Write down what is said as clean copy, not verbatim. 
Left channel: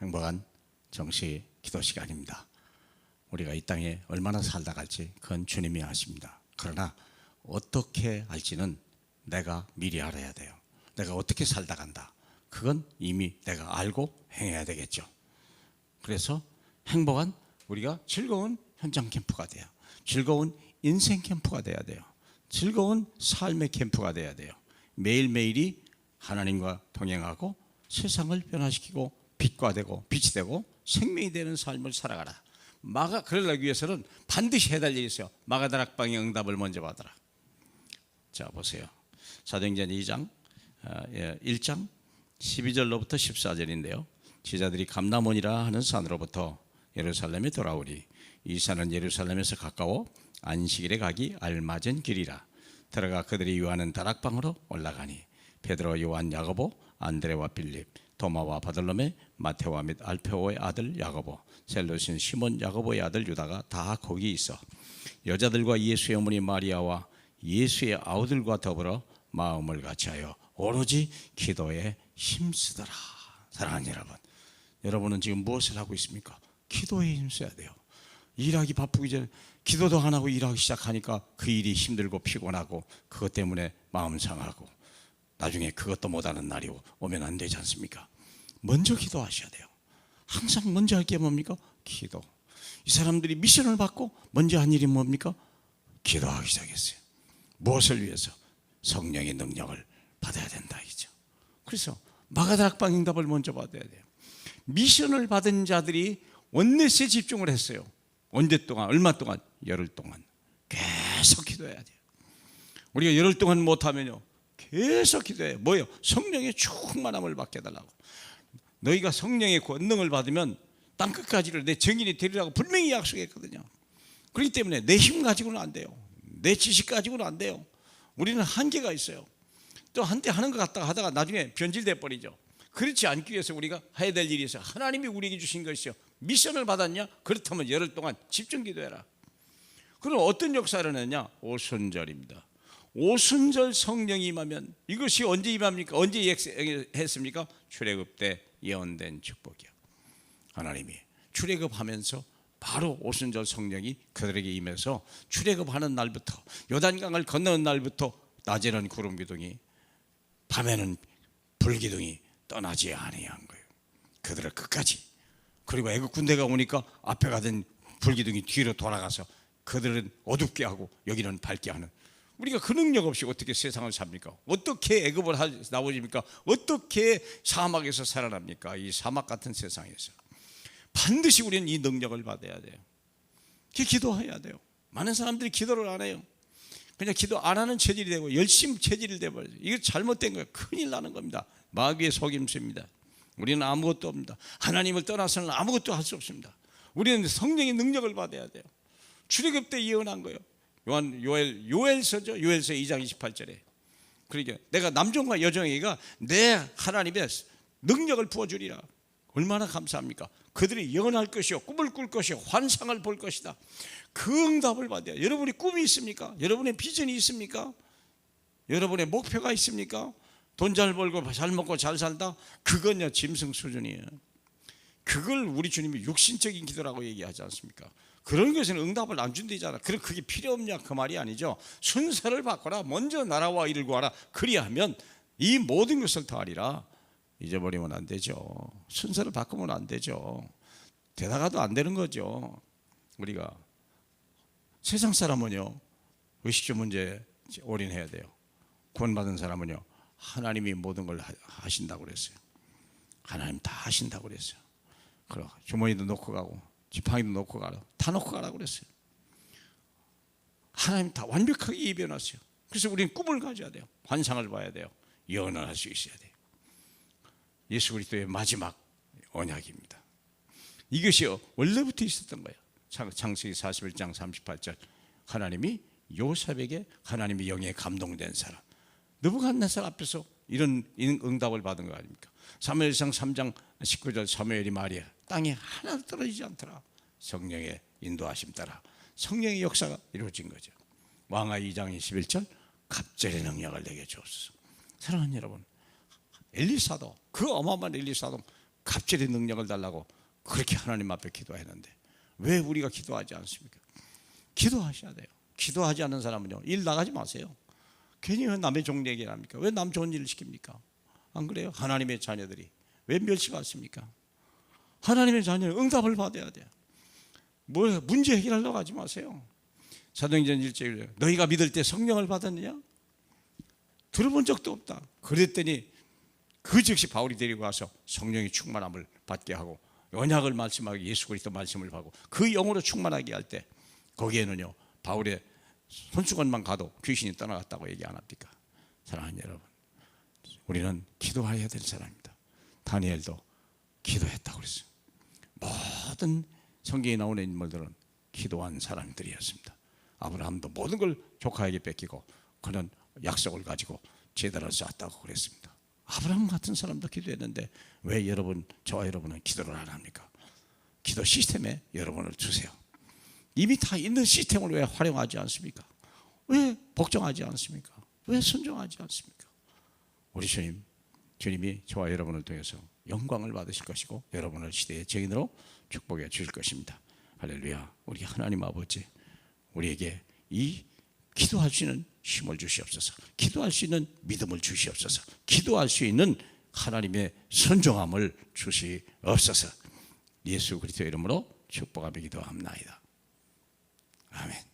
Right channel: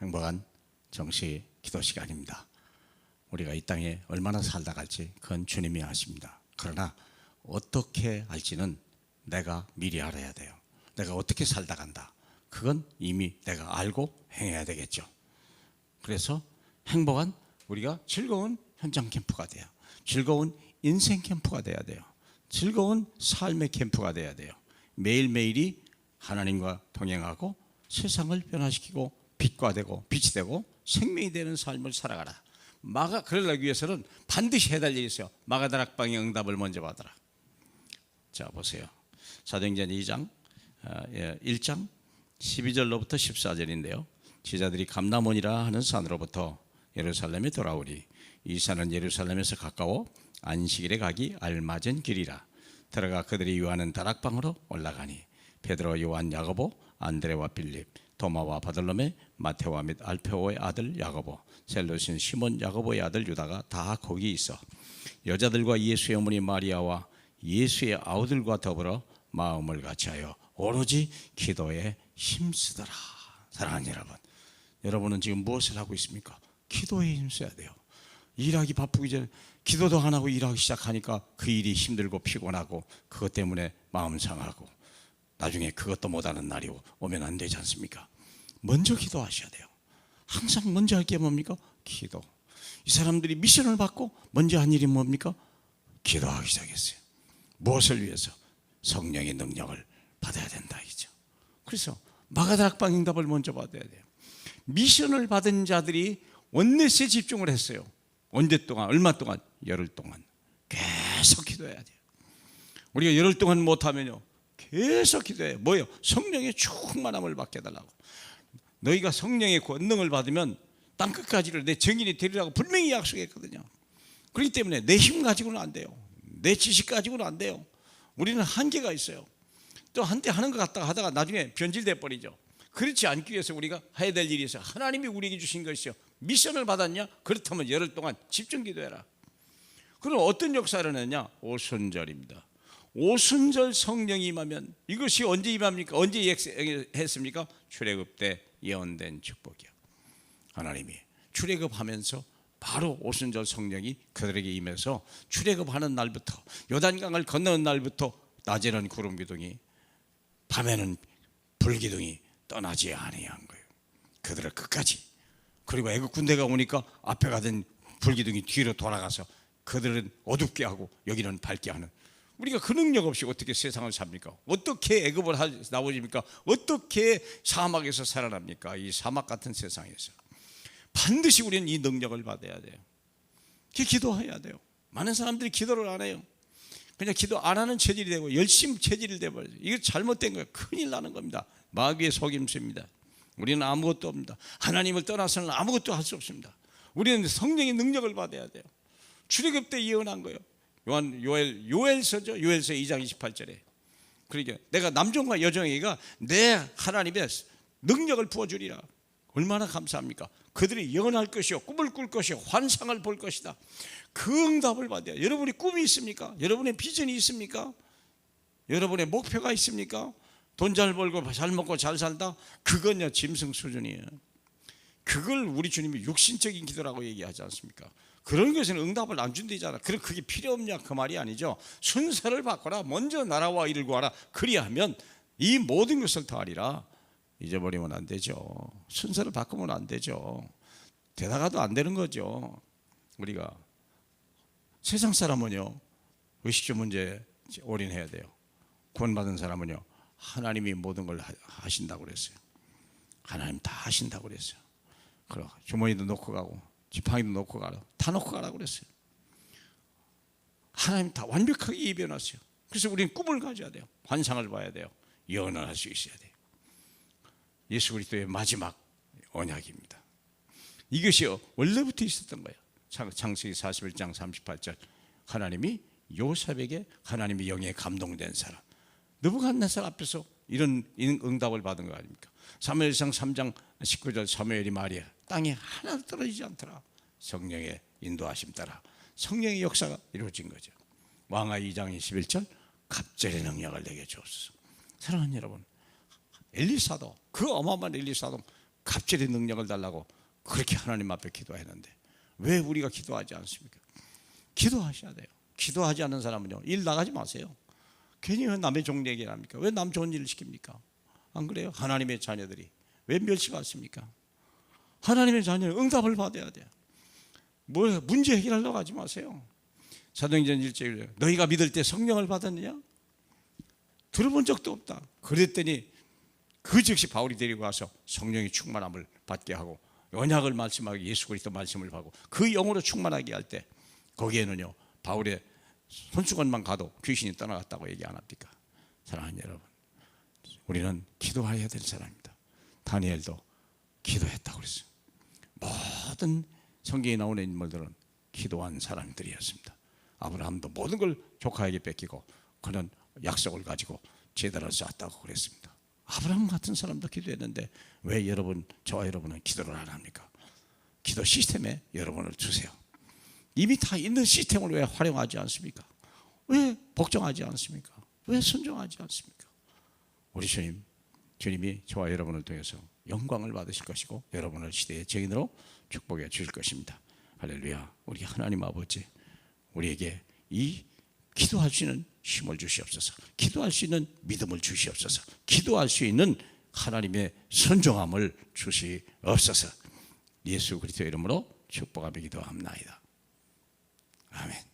행복한 정시 기도 시간입니다. 우리가 이 땅에 얼마나 살다 갈지 그건 주님이 아십니다. 그러나 어떻게 할지는 내가 미리 알아야 돼요. 내가 어떻게 살다 간다, 그건 이미 내가 알고 행해야 되겠죠. 그래서 행복한, 우리가 즐거운 현장 캠프가 돼요. 즐거운 인생 캠프가 돼야 돼요. 즐거운 삶의 캠프가 돼야 돼요. 매일매일이 하나님과 동행하고 세상을 변화시키고 빛과 되고 빛이 되고 생명이 되는 삶을 살아가라. 그러기 위해서는 반드시 해야 될 일이 있어요. 마가다락방의 응답을 먼저 받아라. 자, 보세요. 사도행전 2장 1장 12절로부터 14절인데요 제자들이 감람원이라 하는 산으로부터 예루살렘에 돌아오리. 이 산은 예루살렘에서 가까워 안식일에 가기 알맞은 길이라. 들어가 그들이 요하는 다락방으로 올라가니 베드로, 요한, 야고보, 안드레와 빌립, 도마와 바돌로메, 마테오와 및 알페오의 아들 야고보, 셀로신 시몬 야고보의 아들 유다가 다 거기 있어 여자들과 예수의 어머니 마리아와 예수의 아우들과 더불어 마음을 같이하여 오로지 기도에 힘쓰더라. 사랑하는 여러분, 여러분은 지금 무엇을 하고 있습니까? 기도에 힘써야 돼요. 일하기 바쁘기 전에 기도도 안 하고 일하기 시작하니까 그 일이 힘들고 피곤하고 그것 때문에 마음 상하고 나중에 그것도 못하는 날이 오면 안 되지 않습니까? 먼저 기도하셔야 돼요. 항상 먼저 할 게 뭡니까? 기도. 이 사람들이 미션을 받고 먼저 한 일이 뭡니까? 기도하기 시작했어요. 무엇을 위해서? 성령의 능력을 받아야 된다 이죠. 그래서 마가다락방 응답을 먼저 받아야 돼요. 미션을 받은 자들이 원넷에 집중을 했어요. 언제 동안? 얼마 동안? 열흘 동안 계속 기도해야 돼요. 우리가 열흘 동안 못하면요 계속 기도해요. 뭐예요? 성령의 충만함을 받게 해달라고. 너희가 성령의 권능을 받으면 땅끝까지를 내 증인이 되리라고 분명히 약속했거든요. 그렇기 때문에 내 힘 가지고는 안 돼요. 내 지식 가지고는 안 돼요. 우리는 한계가 있어요. 또 한때 하는 것 같다가 하다가 나중에 변질돼 버리죠. 그렇지 않기 위해서 우리가 해야 될 일이 있어요. 하나님이 우리에게 주신 것이요, 미션을 받았냐? 그렇다면 열흘 동안 집중 기도해라. 그럼 어떤 역사를 했냐? 오순절입니다. 오순절 성령이 임하면 이것이 언제 임합니까? 언제 했습니까? 출애굽 때 예언된 축복이요. 하나님이 출애굽하면서 바로 오순절 성령이 그들에게 임해서 출애굽하는 날부터 요단강을 건너는 날부터 낮에는 구름 기둥이 밤에는 불 기둥이 떠나지 아니한 거예요. 그들을 끝까지. 그리고 애국 군대가 오니까 앞에 가던 불 기둥이 뒤로 돌아가서 그들은 어둡게 하고 여기는 밝게 하는. 우리가 그 능력 없이 어떻게 세상을 삽니까? 어떻게 애굽을 나오십니까? 어떻게 사막에서 살아납니까? 이 사막 같은 세상에서 반드시 우리는 이 능력을 받아야 돼요. 기도해야 돼요. 많은 사람들이 기도를 안 해요. 그냥 기도 안 하는 체질이 되고 열심 체질이 되어버려요. 이거 잘못된 거예요. 큰일 나는 겁니다. 마귀의 속임수입니다. 우리는 아무것도 없습니다. 하나님을 떠나서는 아무것도 할 수 없습니다. 우리는 성령의 능력을 받아야 돼요. 출애굽 때 예언한 거예요. 요엘서죠. 요엘서 2장 28절에. 그러니까 내가 남종과 여종에게가 내 하나님의 능력을 부어주리라. 얼마나 감사합니까? 그들이 예언할 것이요, 꿈을 꿀 것이요, 환상을 볼 것이다. 그 응답을 받아요. 여러분이 꿈이 있습니까? 여러분의 비전이 있습니까? 여러분의 목표가 있습니까? 돈 잘 벌고 잘 먹고 잘 살다? 그건요 짐승 수준이에요. 그걸 우리 주님이 육신적인 기도라고 얘기하지 않습니까? 그런 것에는 응답을 안 준다잖아. 그럼 그게 필요 없냐 그 말이 아니죠. 순서를 바꿔라. 먼저 나라와 일을 구하라. 그리하면 이 모든 것을 더하리라. 잊어버리면 안 되죠. 순서를 바꾸면 안 되죠. 되다가도 안 되는 거죠. 우리가 세상 사람은요 의식주 문제에 올인해야 돼요. 구원받은 사람은요 하나님이 모든 걸 하신다고 그랬어요. 하나님 다 하신다고 그랬어요. 그럼 주머니도 놓고 가고 지팡이도 놓고 가라, 다 놓고 가라고 그랬어요. 하나님 다 완벽하게 이해해놨어요. 그래서 우리는 꿈을 가져야 돼요. 환상을 봐야 돼요. 예언을 할 수 있어야 돼요. 예수 그리스도의 마지막 언약입니다. 이것이 원래부터 있었던 거예요. 창세기 41장 38절 하나님이 요셉에게 하나님의 영에 감동된 사람 느부갓네살 앞에서 이런 응답을 받은 거 아닙니까? 사무엘상 3장 19절 사무엘이 말이야 땅에 하나도 떨어지지 않더라. 성령의 인도하심 따라 성령의 역사가 이루어진 거죠. 왕하 2장 21절 갑절의 능력을 내게 주옵소서. 사랑하는 여러분, 엘리사도 그 어마어마한 엘리사도 갑절의 능력을 달라고 그렇게 하나님 앞에 기도했는데 왜 우리가 기도하지 않습니까? 기도하셔야 돼요. 기도하지 않는 사람은요, 일 나가지 마세요. 괜히 왜 남의 종 얘기를 합니까? 왜 남 좋은 일을 시킵니까? 안 그래요? 하나님의 자녀들이 왜 멸시받습니까? 하나님의 자녀는 응답을 받아야 돼요. 뭐 문제 해결하려고 하지 마세요. 사도행전 1절 너희가 믿을 때 성령을 받았느냐? 들어본 적도 없다. 그랬더니 그 즉시 바울이 데리고 와서 성령의 충만함을 받게 하고 언약을 말씀하고 예수 그리스도 말씀을 하고 그 영으로 충만하게 할 때 거기에는요 바울의 손수건만 가도 귀신이 떠나갔다고 얘기 안 합니까? 사랑하는 여러분, 우리는 기도해야 될 사람입니다. 다니엘도 기도했다고 그랬어요. 모든 성경에 나오는 인물들은 기도한 사람들이었습니다. 아브라함도 모든 걸 조카에게 뺏기고 그는 약속을 가지고 제단을 쌓았다고 그랬습니다. 아브라함 같은 사람도 기도했는데 왜 여러분, 저와 여러분은 기도를 안 합니까? 기도 시스템에 여러분을 주세요. 이미 다 있는 시스템을 왜 활용하지 않습니까? 왜 복종하지 않습니까? 왜 순종하지 않습니까? 우리 주님이 저와 여러분을 통해서 영광을 받으실 것이고 여러분을 시대의 증인으로 축복해 주실 것입니다. 할렐루야. 우리 하나님 아버지, 우리에게 이 기도할 수 있는 힘을 주시옵소서. 기도할 수 있는 믿음을 주시옵소서. 기도할 수 있는 하나님의 선종함을 주시옵소서. 예수 그리스도 이름으로 축복하며 기도합나이다. 아멘.